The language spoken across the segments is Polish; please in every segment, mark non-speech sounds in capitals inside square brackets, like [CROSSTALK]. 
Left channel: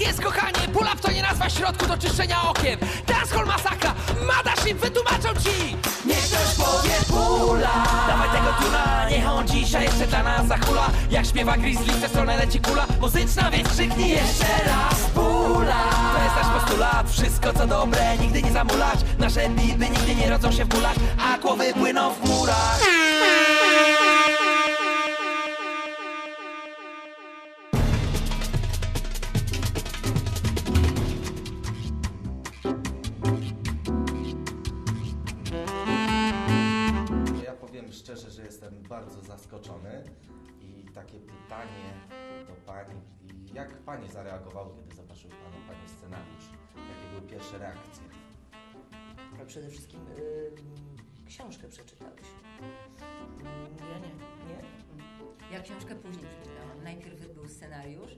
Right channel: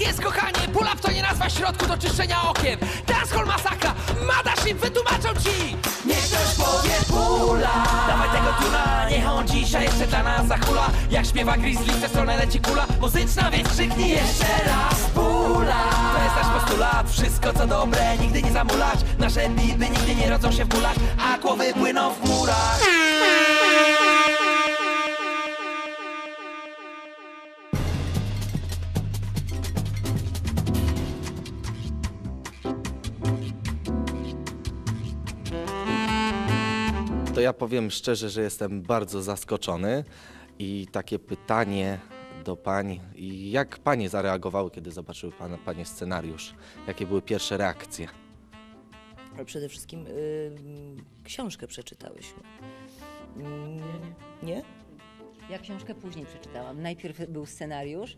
Tak jest, kochanie! Pull-up to nie nazwa środku do czyszczenia okien! Dancehall masakra! Mothership wytłumaczą ci! Niech ktoś powie pula! Dawaj tego tuna, niech on dzisiaj jeszcze dla nas zachula Jak śpiewa Grizzly, w tę stronę leci kula Muzyczna, więc krzyknij jeszcze raz Pula! To jest nasz postulat, wszystko co dobre nigdy nie zamulać Nasze biby nigdy nie rodzą się w bólach A głowy płyną w murach ja powiem szczerze, że jestem bardzo zaskoczony i takie pytanie do pań. I jak panie zareagowały, kiedy zobaczyły pana, panie scenariusz? Jakie były pierwsze reakcje? Ale przede wszystkim y, książkę przeczytałyśmy. Mm, Nie? Nie? Ja książkę później przeczytałam. Najpierw był scenariusz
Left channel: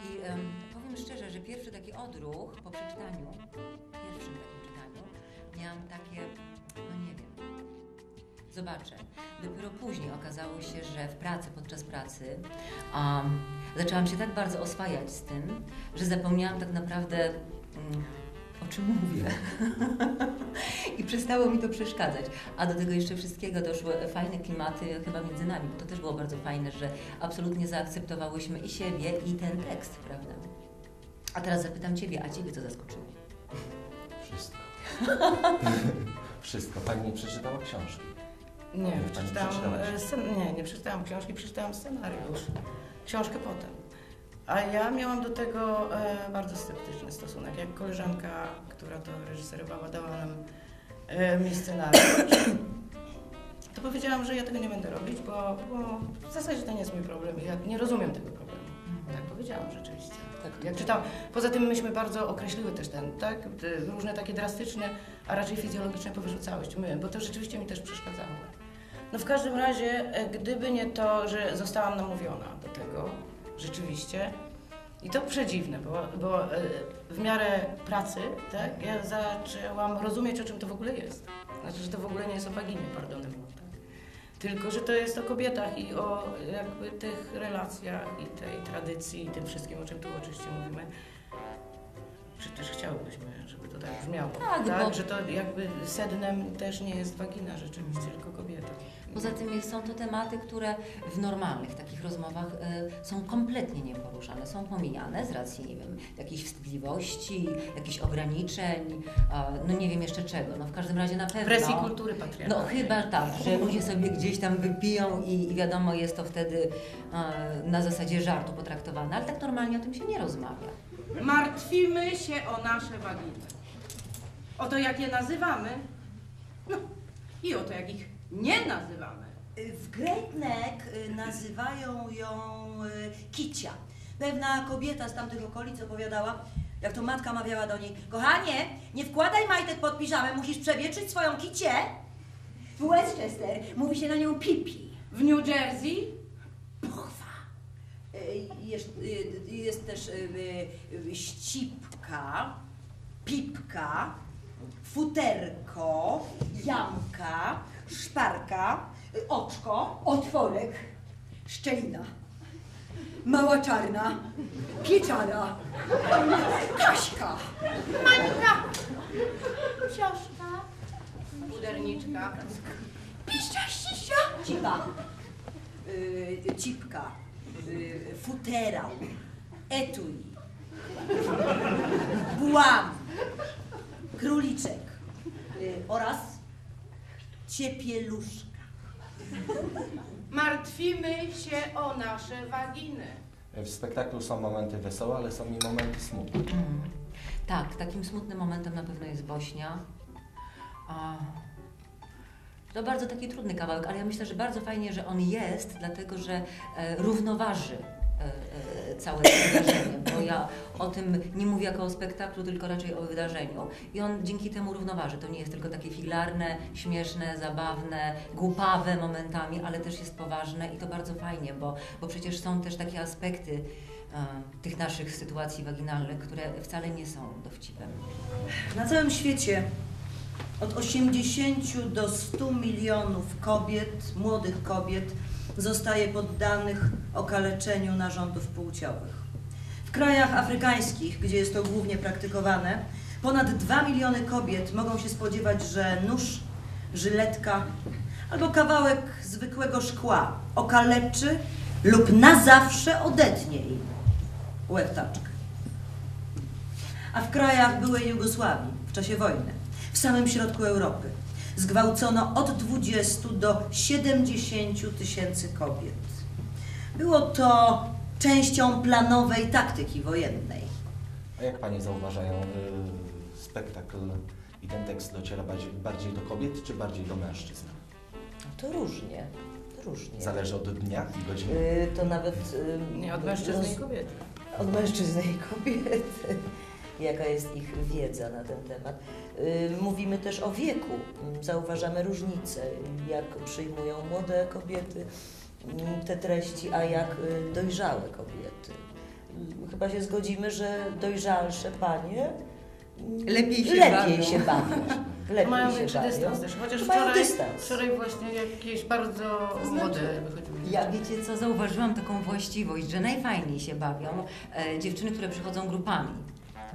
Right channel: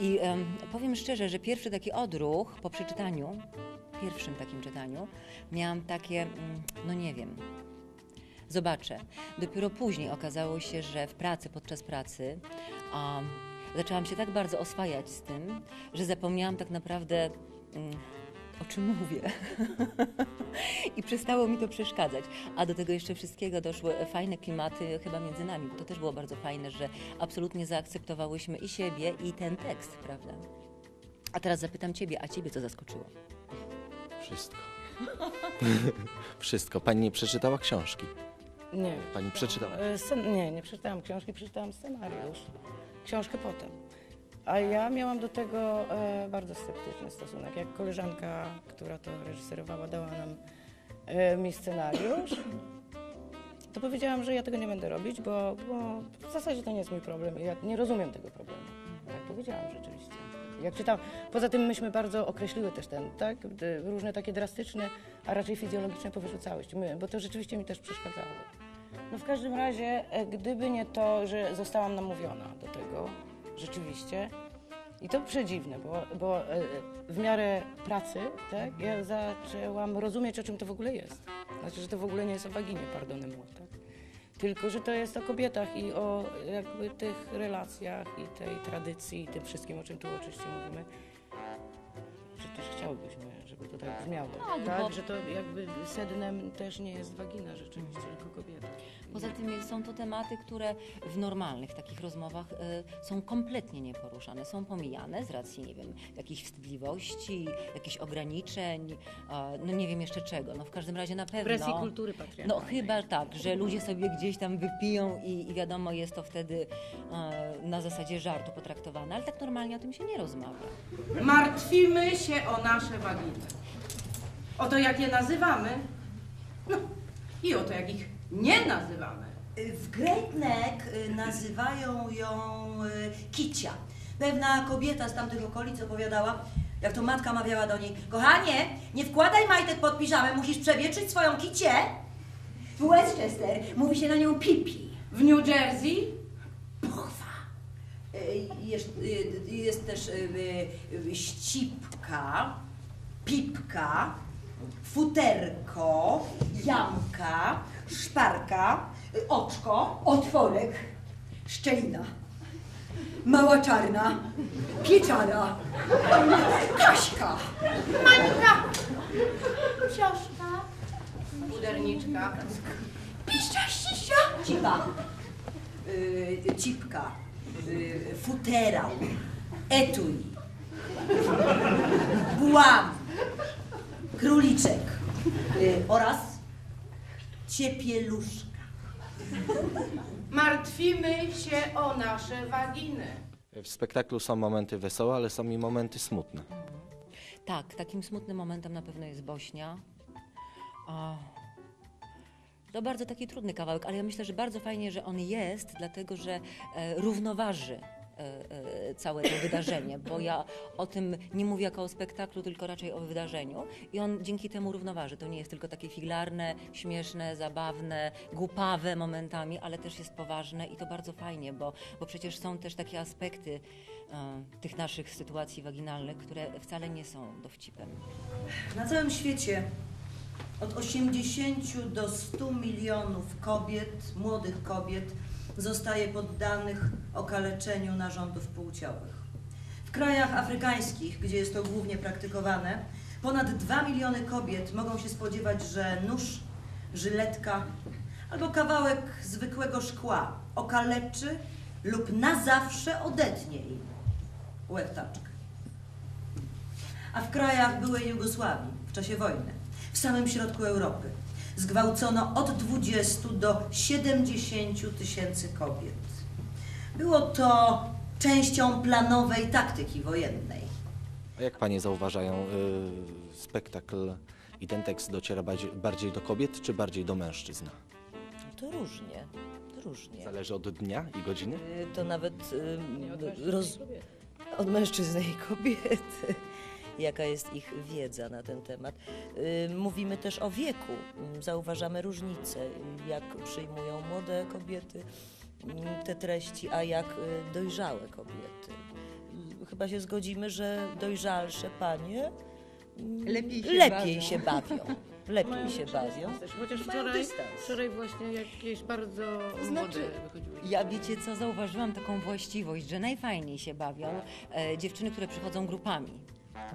i em, powiem szczerze, że pierwszy taki odruch po przeczytaniu, pierwszym takim czytaniu, miałam takie, mm, no nie wiem, zobaczę. Dopiero później okazało się, że w pracy, podczas pracy, um, zaczęłam się tak bardzo oswajać z tym, że zapomniałam tak naprawdę, mm, o czym mówię. [LAUGHS] I przestało mi to przeszkadzać. A do tego jeszcze wszystkiego doszły fajne klimaty chyba między nami, bo to też było bardzo fajne, że absolutnie zaakceptowałyśmy i siebie, i ten tekst, prawda? A teraz zapytam Ciebie, a Ciebie co zaskoczyło? Wszystko. [LAUGHS] Wszystko. Pani nie przeczytała książki. Nie, Pani e, scen- nie, nie przeczytałam książki, przeczytałam scenariusz. Książkę potem. A ja miałam do tego e, bardzo sceptyczny stosunek. Jak koleżanka, która to reżyserowała, dała nam e, mi scenariusz, [CLEARS THROAT] to powiedziałam, że ja tego nie będę robić, bo, bo w zasadzie to nie jest mój problem. Ja nie rozumiem tego problemu. Tak powiedziałam rzeczywiście. Tak, jak czytałam. Poza tym myśmy bardzo określiły też ten, tak? Te różne takie drastyczne, a raczej fizjologiczne powyrzucałość. My, bo to rzeczywiście mi też przeszkadzało. No w każdym razie, e, gdyby nie to, że zostałam namówiona do tego, rzeczywiście, i to przedziwne, bo, bo e, w miarę pracy, tak, ja zaczęłam rozumieć, o czym to w ogóle jest. Znaczy, że to w ogóle nie jest o waginie, pardon, tak? Tylko, że to jest o kobietach i o jakby tych relacjach i tej tradycji i tym wszystkim, o czym tu oczywiście mówimy. Czy też chciałybyśmy, żeby to tak brzmiało. Tak, bo- Że to jakby sednem też nie jest wagina rzeczywiście, tylko kobieta. Poza tym są to tematy, które w normalnych takich rozmowach y, są kompletnie nieporuszane, są pomijane z racji, nie wiem, jakichś wstydliwości, jakichś ograniczeń, a, no nie wiem jeszcze czego, no w każdym razie na pewno... Presji kultury No patriarchalnej. chyba tak, że ludzie sobie gdzieś tam wypiją i, i wiadomo, jest to wtedy na zasadzie żartu potraktowane, ale tak normalnie o tym się nie rozmawia. Martwimy się o nasze waginy. O to, jak je nazywamy. No i o to, jak ich nie nazywamy. W Great Neck y, nazywają ją y, Kicia. Pewna kobieta z tamtych okolic opowiadała, jak to matka mawiała do niej, kochanie, nie wkładaj majtek pod piżamę, musisz przewietrzyć swoją kicię. W Westchester mówi się na nią pipi. W New Jersey Pochwa. Y, Jest, y, jest też y, y, ścipka, pipka, futerko, jamka, szparka, y, oczko, otworek, szczelina, mała czarna, pieczara, Kaśka. puderniczka. Cipa, y, cipka, y, futerał, etui, błam, króliczek. Y, oraz ciepieluszka. [LAUGHS] Martwimy się o nasze waginy. W spektaklu są momenty wesołe, ale są i momenty smutne. Tak, takim smutnym momentem na pewno jest Bośnia. To bardzo taki trudny kawałek, ale ja myślę, że bardzo fajnie, że on jest, dlatego że e, równoważy całe wydarzenie, bo ja o tym nie mówię jako o spektaklu, tylko raczej o wydarzeniu. I on dzięki temu równoważy. To nie jest tylko takie filarne, śmieszne, zabawne, głupawe momentami, ale też jest poważne i to bardzo fajnie, bo, bo przecież są też takie aspekty e, tych naszych sytuacji waginalnych, które wcale nie są dowcipem. Na całym świecie od 80 do 100 milionów kobiet, młodych kobiet, zostaje poddanych okaleczeniu narządów płciowych. W krajach afrykańskich, gdzie jest to głównie praktykowane, ponad 2 miliony kobiet mogą się spodziewać, że nóż, żyletka albo kawałek zwykłego szkła okaleczy lub na zawsze odetnie im łechtaczkę. A w krajach byłej Jugosławii w czasie wojny, w samym środku Europy, zgwałcono od 20 do 70 tysięcy kobiet. Było to częścią planowej taktyki wojennej. A jak panie zauważają, y, spektakl i ten tekst dociera bardziej, bardziej do kobiet, czy bardziej do mężczyzn? To różnie, różnie. Zależy od dnia i godziny. Y, To nawet... y, Nie, od mężczyzny roz- i kobiety. Od mężczyzny i kobiety. Jaka jest ich wiedza na ten temat. Y, Mówimy też o wieku. Zauważamy różnice, jak przyjmują młode kobiety mm, te treści, a jak y, dojrzałe kobiety. Y, Chyba się zgodzimy, że dojrzalsze panie mm, Lepiej się lepiej bawią. się bawią. Lepiej Mają się bawią. chociaż Mają wczoraj, dystans. wczoraj właśnie jakieś bardzo młode wychodziły. Ja wiecie co, zauważyłam taką właściwość, że najfajniej się bawią e, dziewczyny, które przychodzą grupami,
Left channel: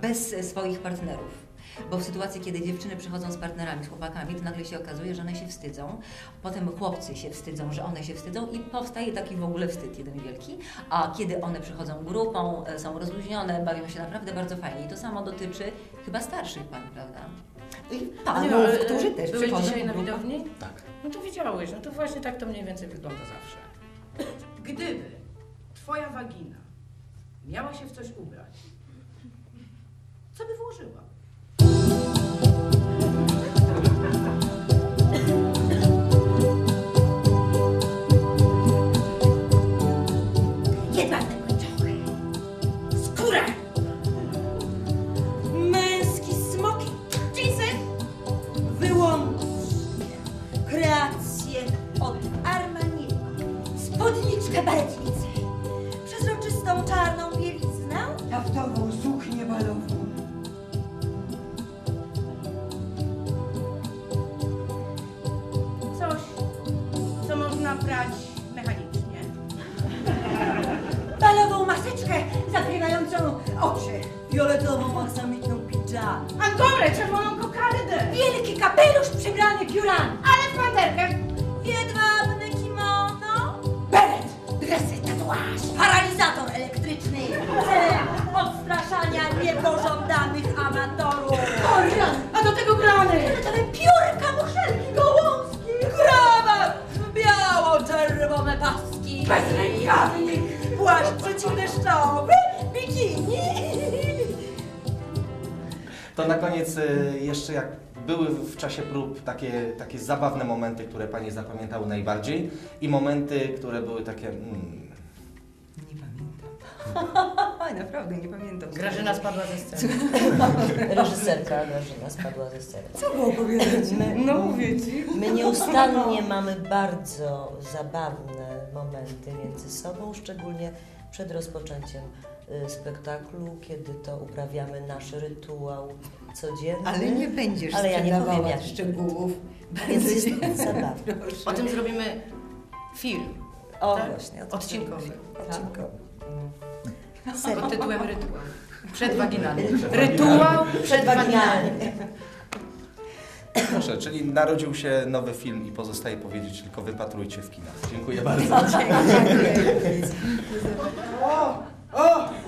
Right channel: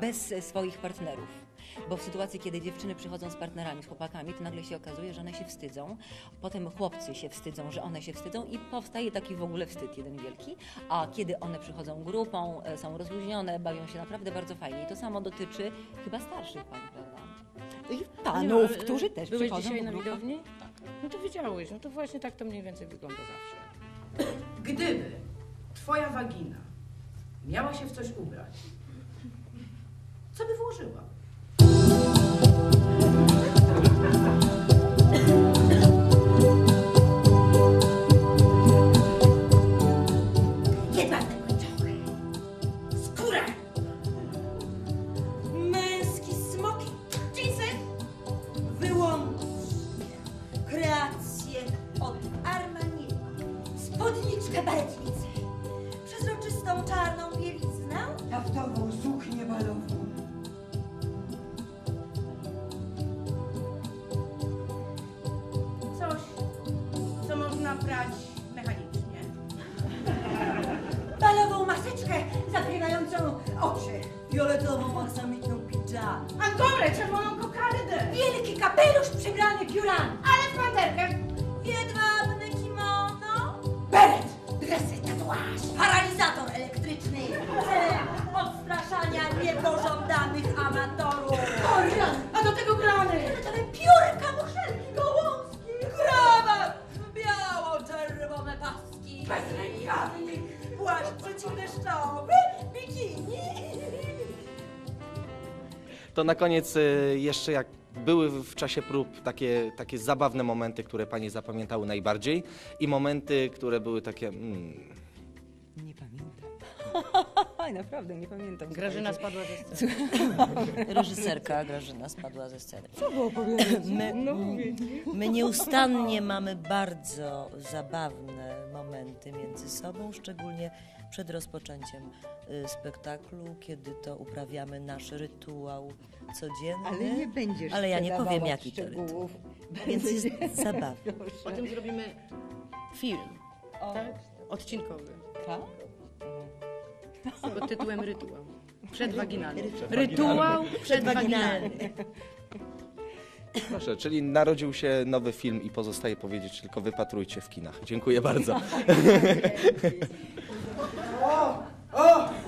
bez swoich partnerów. Bo w sytuacji, kiedy dziewczyny przychodzą z partnerami, z chłopakami, to nagle się okazuje, że one się wstydzą. Potem chłopcy się wstydzą, że one się wstydzą i powstaje taki w ogóle wstyd jeden wielki. A kiedy one przychodzą grupą, e, są rozluźnione, bawią się naprawdę bardzo fajnie. I to samo dotyczy chyba starszych pań, prawda? I panów, ale, którzy też Byłeś przychodzą dzisiaj na widowni? Tak. No to widziałeś, no to właśnie tak to mniej więcej wygląda zawsze. Gdyby twoja wagina miała się w coś ubrać, co by włożyła? Piórami, ale w panterkę. jedwabne kimono, beret, dresy, tatuaż, paralizator elektryczny, celem odstraszania niepożądanych amatorów, Orion, a do tego grany. fioletowe piórka, muszelki, gołązki, krawat, biało-czerwone paski, bezrękawnik, płaszcz przeciwdeszczowy, bikini. To na koniec y, jeszcze jak były w czasie prób takie, takie zabawne momenty, które panie zapamiętały najbardziej i momenty, które były takie... Mm, Nie pamiętam. [LAUGHS] Naprawdę nie pamiętam. Grażyna spadła ze sceny. [LAUGHS] Reżyserka Grażyna spadła ze sceny. Co było powiedzieć? My, No mówię ci. my nieustannie mamy bardzo zabawne momenty między sobą, szczególnie przed rozpoczęciem y, spektaklu, kiedy to uprawiamy nasz rytuał codzienny. Ale nie będziesz Ale ja nie powiem sprzedawała jak szczegółów. Więc jest [LAUGHS] zabawne. O tym zrobimy film O Tak? właśnie, odcinkowy odcinkowy. pod tytułem Rytuał. Przedwaginalny. Rytuał przedwaginalny. Proszę, czyli narodził się nowy film i pozostaje powiedzieć tylko wypatrujcie w kinach. Dziękuję bardzo. Mojowy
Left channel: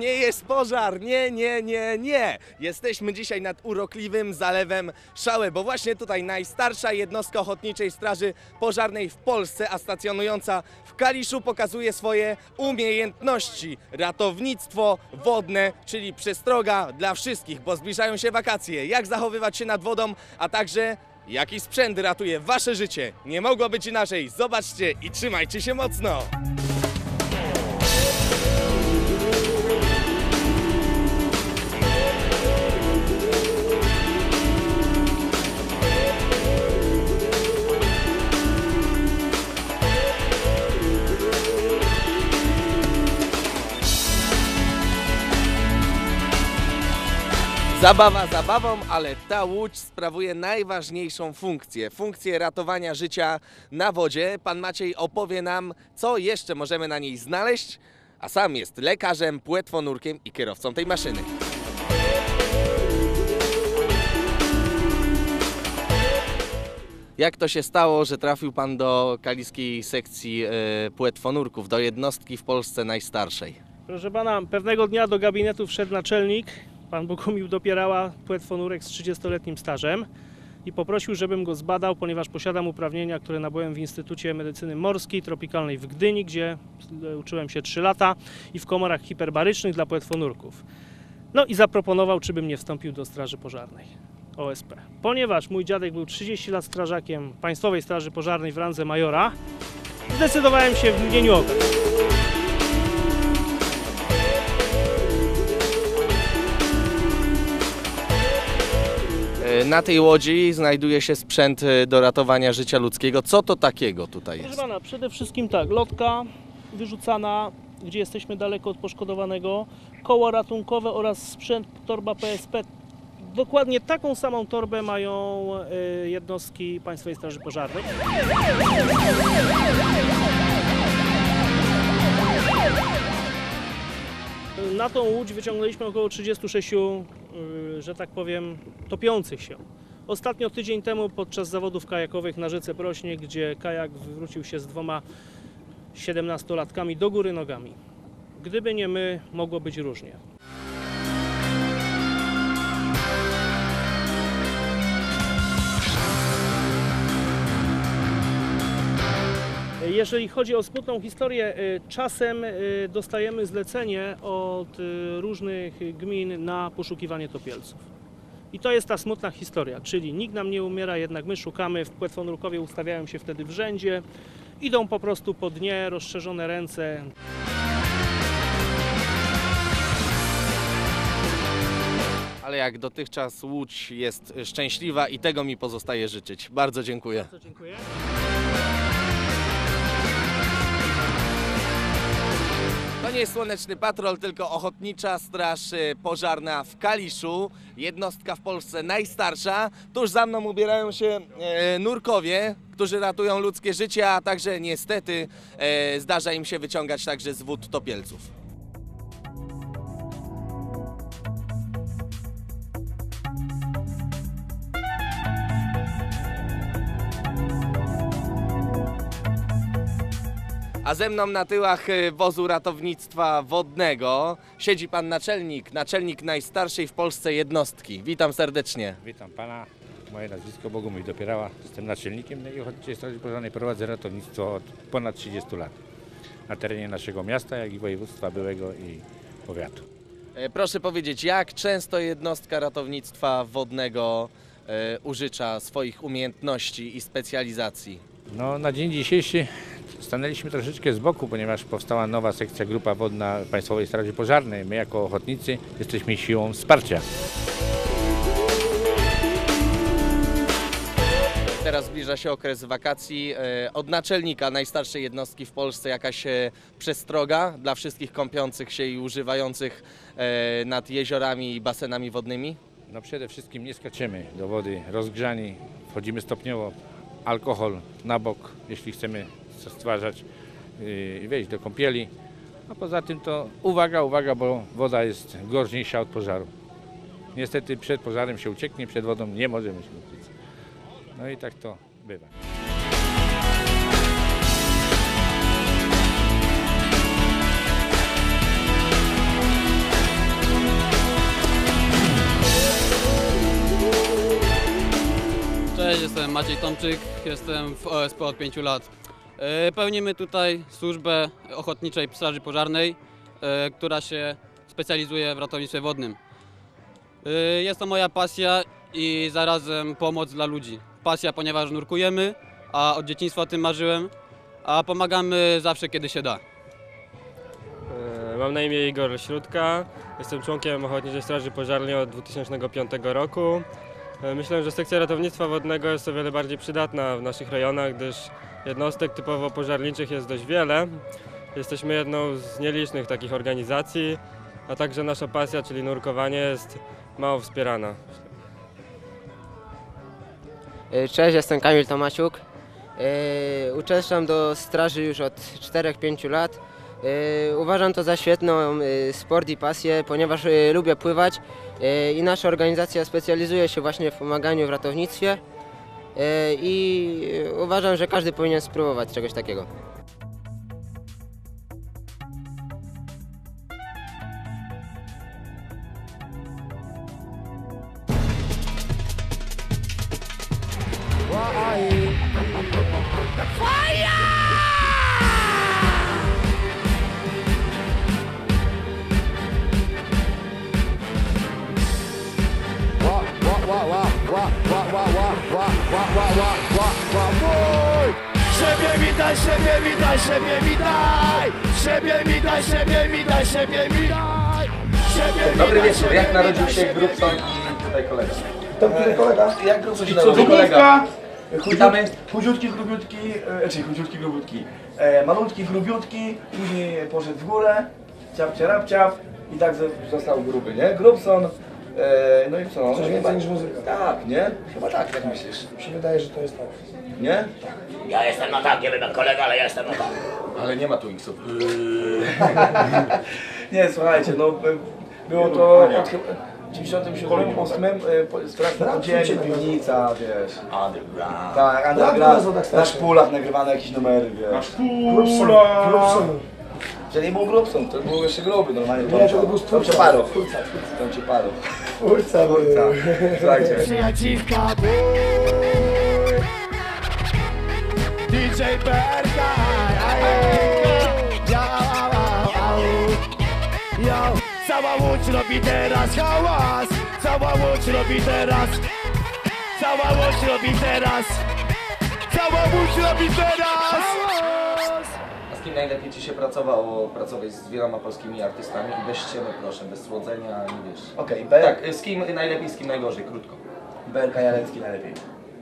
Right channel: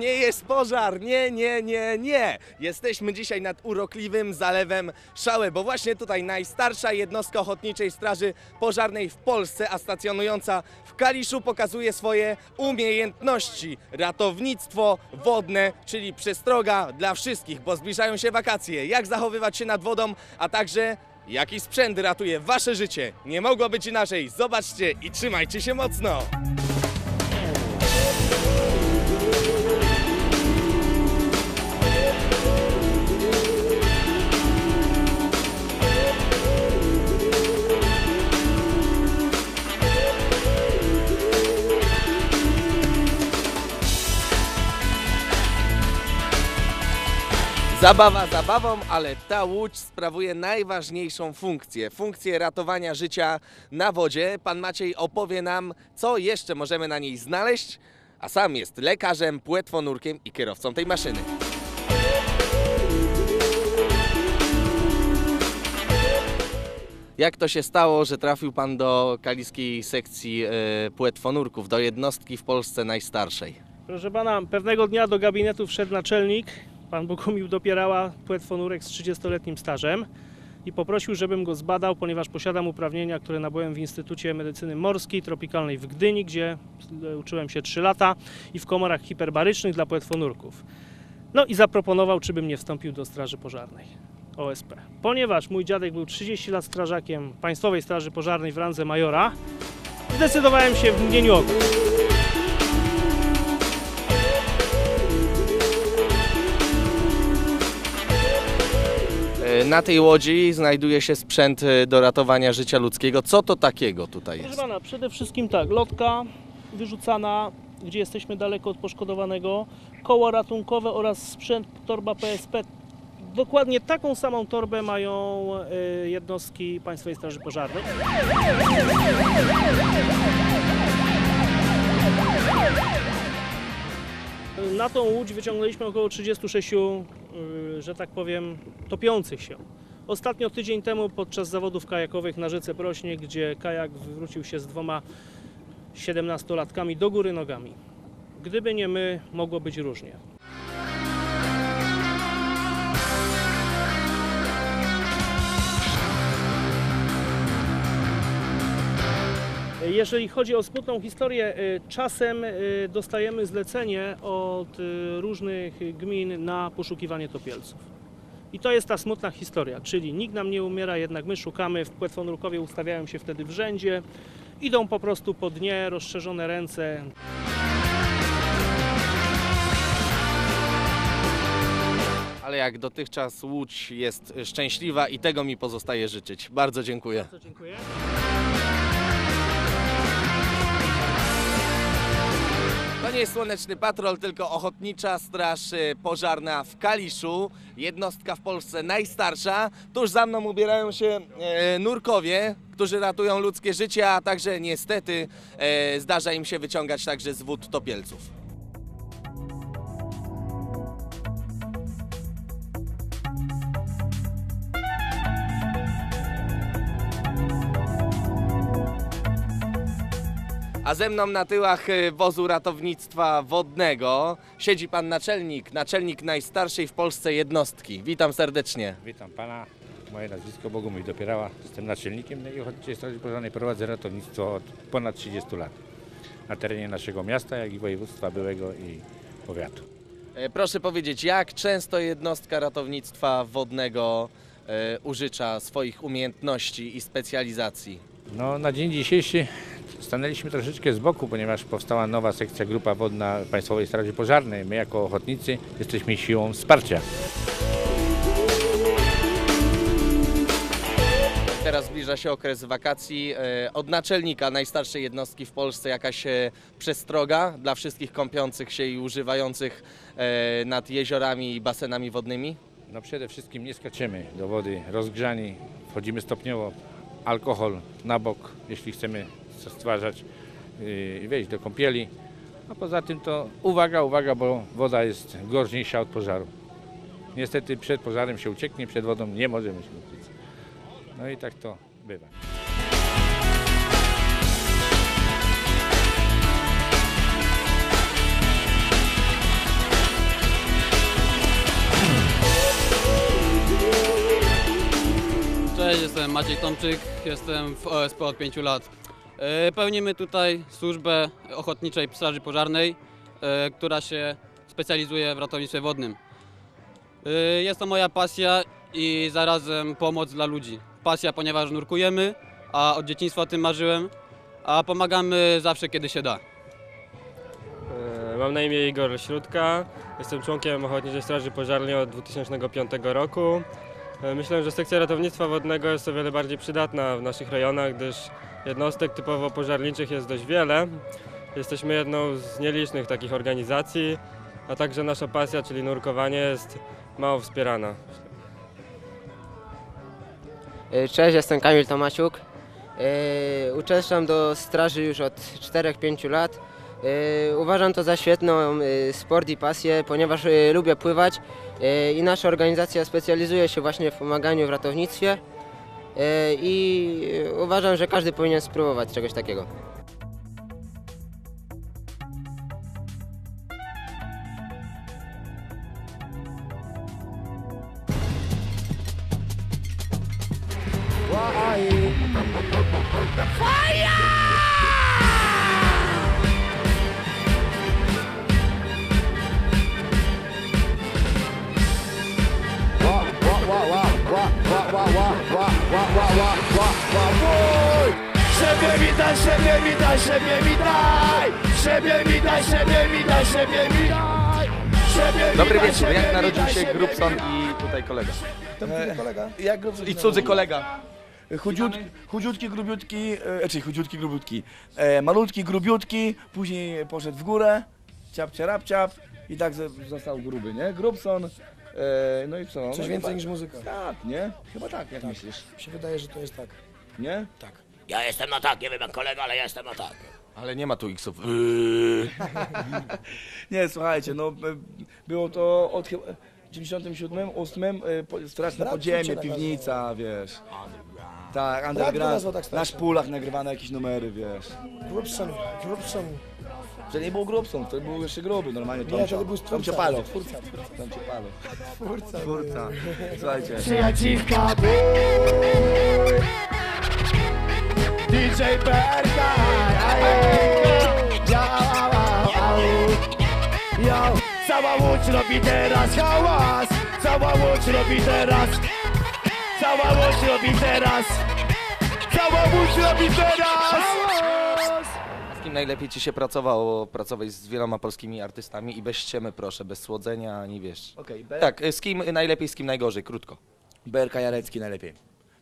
nie jest pożar, nie, nie, nie, nie. Jesteśmy dzisiaj nad urokliwym zalewem Szałe, bo właśnie tutaj najstarsza jednostka Ochotniczej Straży Pożarnej w Polsce, a stacjonująca w Kaliszu pokazuje swoje umiejętności. Ratownictwo wodne, czyli przestroga dla wszystkich, bo zbliżają się wakacje. Jak zachowywać się nad wodą, a także jaki sprzęt ratuje wasze życie. Nie mogło być inaczej. Zobaczcie i trzymajcie się mocno. Zabawa zabawą, ale ta łódź sprawuje najważniejszą funkcję funkcję ratowania życia na wodzie. Pan Maciej opowie nam, co jeszcze możemy na niej znaleźć, a sam jest lekarzem, płetwonurkiem i kierowcą tej maszyny. Jak to się stało, że trafił pan do kaliskiej sekcji e, płetwonurków, do jednostki w Polsce najstarszej? Proszę pana, pewnego dnia do gabinetu wszedł naczelnik, pan Bogumił Dopierała, płetwonurek z 30-letnim stażem i poprosił, żebym go zbadał, ponieważ posiadam uprawnienia, które nabyłem w Instytucie Medycyny Morskiej Tropikalnej w Gdyni, gdzie uczyłem się 3 lata i w komorach hiperbarycznych dla płetwonurków. No i zaproponował, czy bym nie wstąpił do Straży Pożarnej OSP. Ponieważ mój dziadek był 30 lat strażakiem Państwowej Straży Pożarnej w randze majora, zdecydowałem się w mgnieniu oka. Na tej łodzi znajduje się sprzęt e, do ratowania życia ludzkiego. Co to takiego tutaj Proszę jest? pana, przede wszystkim tak, lotka wyrzucana, gdzie jesteśmy daleko od poszkodowanego, koło ratunkowe oraz sprzęt, torba PSP. Dokładnie taką samą torbę mają y, jednostki Państwowej Straży Pożarnej. Na tą łódź wyciągnęliśmy około 36, y, że tak powiem, topiących się. Ostatnio tydzień temu podczas zawodów kajakowych na rzece Prośnie, gdzie kajak wywrócił się z dwoma 17-latkami do góry nogami. Gdyby nie my, mogło być różnie. Jeżeli chodzi o smutną historię, y, czasem y, dostajemy zlecenie od y, różnych gmin na poszukiwanie topielców. I to jest ta smutna historia, czyli nikt nam nie umiera, jednak my szukamy, w Płetwonurkowie ustawiają się wtedy w rzędzie, idą po prostu po dnie, rozszerzone ręce. Ale jak dotychczas łódź jest szczęśliwa i tego mi pozostaje życzyć. Bardzo dziękuję. Bardzo dziękuję. To nie jest Słoneczny Patrol, tylko Ochotnicza Straż y, Pożarna w Kaliszu. Jednostka w Polsce najstarsza. Tuż za mną ubierają się e, nurkowie, którzy ratują ludzkie życie, a także niestety e, zdarza im się wyciągać także z wód topielców. A ze mną na tyłach y, wozu ratownictwa wodnego siedzi pan naczelnik, naczelnik najstarszej w Polsce jednostki. Witam serdecznie. Witam pana. Moje nazwisko Bogumił Dopierała. Jestem naczelnikiem i Ochotniczej Straży Pożarnej. Prowadzę ratownictwo od ponad 30 lat na terenie naszego miasta, jak i województwa byłego i powiatu. E, Proszę powiedzieć, jak często jednostka ratownictwa wodnego e, użycza swoich umiejętności i specjalizacji? No, na dzień dzisiejszy stanęliśmy troszeczkę z boku, ponieważ powstała nowa sekcja Grupa Wodna Państwowej Straży Pożarnej. My jako ochotnicy jesteśmy siłą wsparcia. Teraz zbliża się okres wakacji. E, Od naczelnika najstarszej jednostki w Polsce jakaś e, przestroga dla wszystkich kąpiących się i używających e, nad jeziorami i basenami wodnymi? No przede wszystkim nie skaczemy do wody rozgrzani, wchodzimy stopniowo, alkohol na bok, jeśli chcemy stwarzać yy, i wejść do kąpieli. A poza tym to uwaga, uwaga, bo woda jest groźniejsza od pożaru. Niestety przed pożarem się ucieknie, przed wodą nie możemy się uciec. No i tak to bywa. Cześć, jestem Maciej Tomczyk, jestem w OSP od 5 lat. E, Pełnimy tutaj służbę Ochotniczej Straży Pożarnej, e, która się specjalizuje w ratownictwie wodnym. E, Jest to moja pasja i zarazem pomoc dla ludzi. Pasja, ponieważ nurkujemy, a od dzieciństwa o tym marzyłem, a pomagamy zawsze, kiedy się da. Mam na imię Igor Śródka, jestem członkiem Ochotniczej Straży Pożarnej od 2005 roku. E, Myślę, że sekcja ratownictwa wodnego jest o wiele bardziej przydatna w naszych rejonach, gdyż jednostek typowo pożarniczych jest dość wiele. Jesteśmy jedną z nielicznych takich organizacji, a także nasza pasja, czyli nurkowanie jest mało wspierana. E, Cześć, jestem Kamil Tomasiuk. E, Uczęszczam do straży już od 4-5 lat. E, Uważam to za świetną e, sport i pasję, ponieważ e, lubię pływać i nasza organizacja specjalizuje się właśnie w pomaganiu w ratownictwie i uważam, że każdy powinien spróbować czegoś takiego. Daj, siebie mi daj, siebie mi daj! Siebie mi daj, siebie mi daj, siebie mi daj! Siebie mi daj, siebie mi daj, siebie mi daj! To który kolega? Jak grubszy I cudzy kolega. Chudziutki, chudziutki, grubiutki, e, czyli chudziutki, grubiutki. E, malutki, grubiutki, później poszedł w górę, ciap, ciarap, ciap i tak ze- został gruby, nie? Grubson, e, no i co? Coś więcej niż muzyka. Tak, nie? Chyba tak, jak myślisz? Mi się wydaje, że to jest tak. Nie? Ja jestem no tak, nie wiem jak kolega, ale ja jestem no tak. Ale nie ma tu X-ów. [LAUGHS] Nie, słuchajcie, no by- było to od chyba- w 97, 8, e, po- straszne podziemie, piwnica, wiesz. Underground. Tak, underground, tak na szpulach nagrywane jakieś numery, wiesz. Grubson, Grubson. Że nie był grubson, to był jeszcze gruby, normalnie. Nie, to był Tomcio. Parow. Tomcio Parow. Twórca, Twórca. Słuchajcie. Przyjaciółka DJ PRK Yo, cała łódź robi teraz hałas Cała łódź robi teraz Cała łódź robi teraz Cała łódź robi teraz Najlepiej Ci się pracowało? Pracować z wieloma polskimi artystami i bez ściemy proszę, bez słodzenia, ani wiesz. Okej, okay, Tak, z kim najlepiej, z kim najgorzej, krótko. BRK Jarecki najlepiej.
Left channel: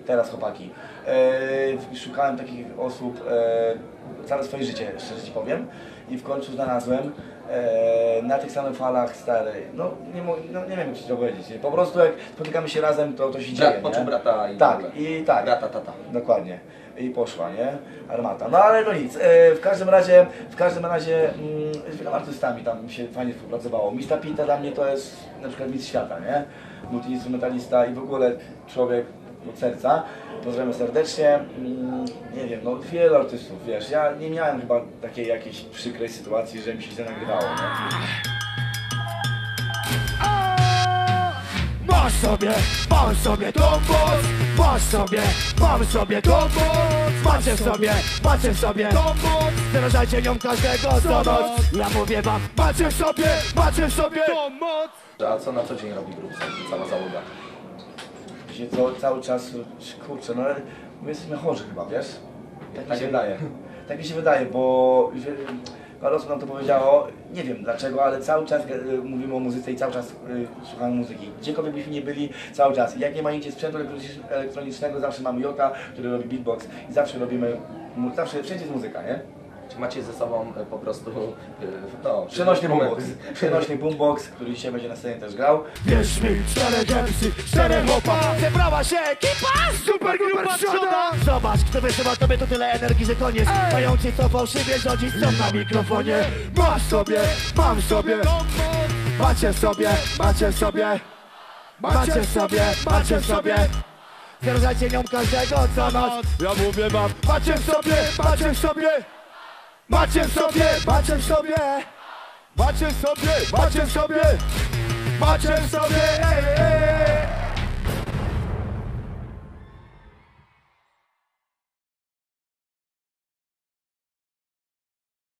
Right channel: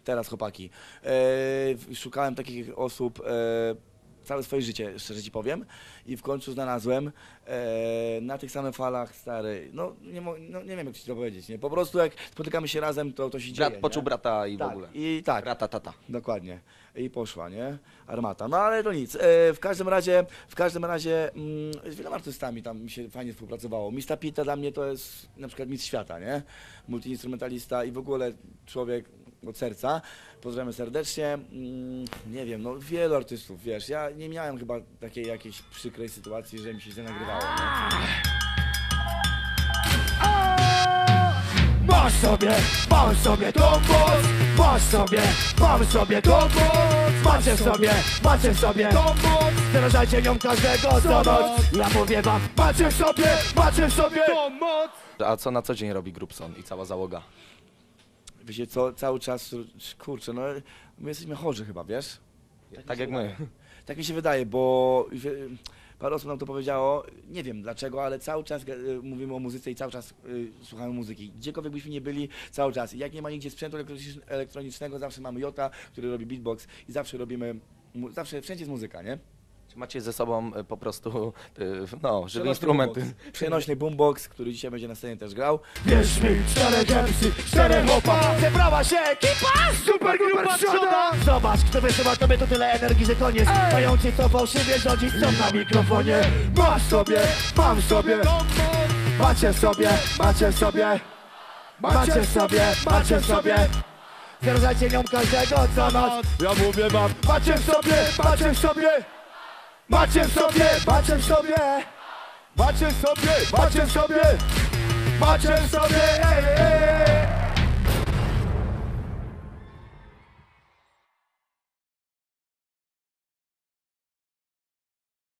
Teraz chłopaki. E, szukałem takich osób e, całe swoje życie, szczerze ci powiem. I w końcu znalazłem e, na tych samych falach stary. No nie, mo- no nie wiem jak ci to powiedzieć. Nie? Po prostu jak spotykamy się razem, to, to się dzieje. Brat poczuł brata i w Tak, i tak. Brata, tata. Dokładnie. I poszła, nie? Armata. No ale no nic. E, w każdym razie, w każdym razie mm, z wieloma artystami tam się fajnie współpracowało. Mista Pinta dla mnie to jest na przykład mistrz świata, nie? Multiinstrumentalista i w ogóle człowiek od serca. Pozdrawiam serdecznie. Mm, nie wiem, no wielu artystów, wiesz, ja nie miałem chyba takiej jakiejś przykrej sytuacji, że mi się źle nagrywało. Masz sobie, mam sobie tą moc Masz sobie, mam sobie tą moc Macie sobie, macie sobie tą moc Zarażajcie nią każdego co noc Ja mówię wam, macie sobie, macie sobie tą moc A co na co dzień robi Grubson, cała załoga? Co, cały czas, kurczę, no my jesteśmy chorzy chyba, wiesz? Tak mi się wydaje. Tak mi się wydaje, bo parę osób nam to powiedziało, nie wiem dlaczego, ale cały czas mówimy o muzyce i cały czas e, słuchamy muzyki. Gdziekolwiek byśmy nie byli, cały czas. Jak nie ma nigdzie sprzętu elektronicznego- zawsze mamy Jota, który robi beatbox i zawsze robimy, zawsze wszędzie jest muzyka, nie? Macie ze sobą e, po prostu, e, no, Przenośny boombox, przenośny boombox, który dzisiaj będzie na scenie też grał. Wierz mi, czterech MC, czterech hopa Zebrała się ekipa, super grupa trzoda Zobacz, kto wysyła tobie to tyle energii, że koniec Mający co fałszywie rządzić są na mikrofonie. Masz sobie, mam sobie. Macie sobie, macie sobie. Macie sobie, macie sobie. Zarażajcie nią każdego co noc Ja mówię wam, macie w sobie, macie w sobie Macie w sobie, macie w sobie Macie w sobie, macie w sobie Macie w sobie, ej, ej, ej.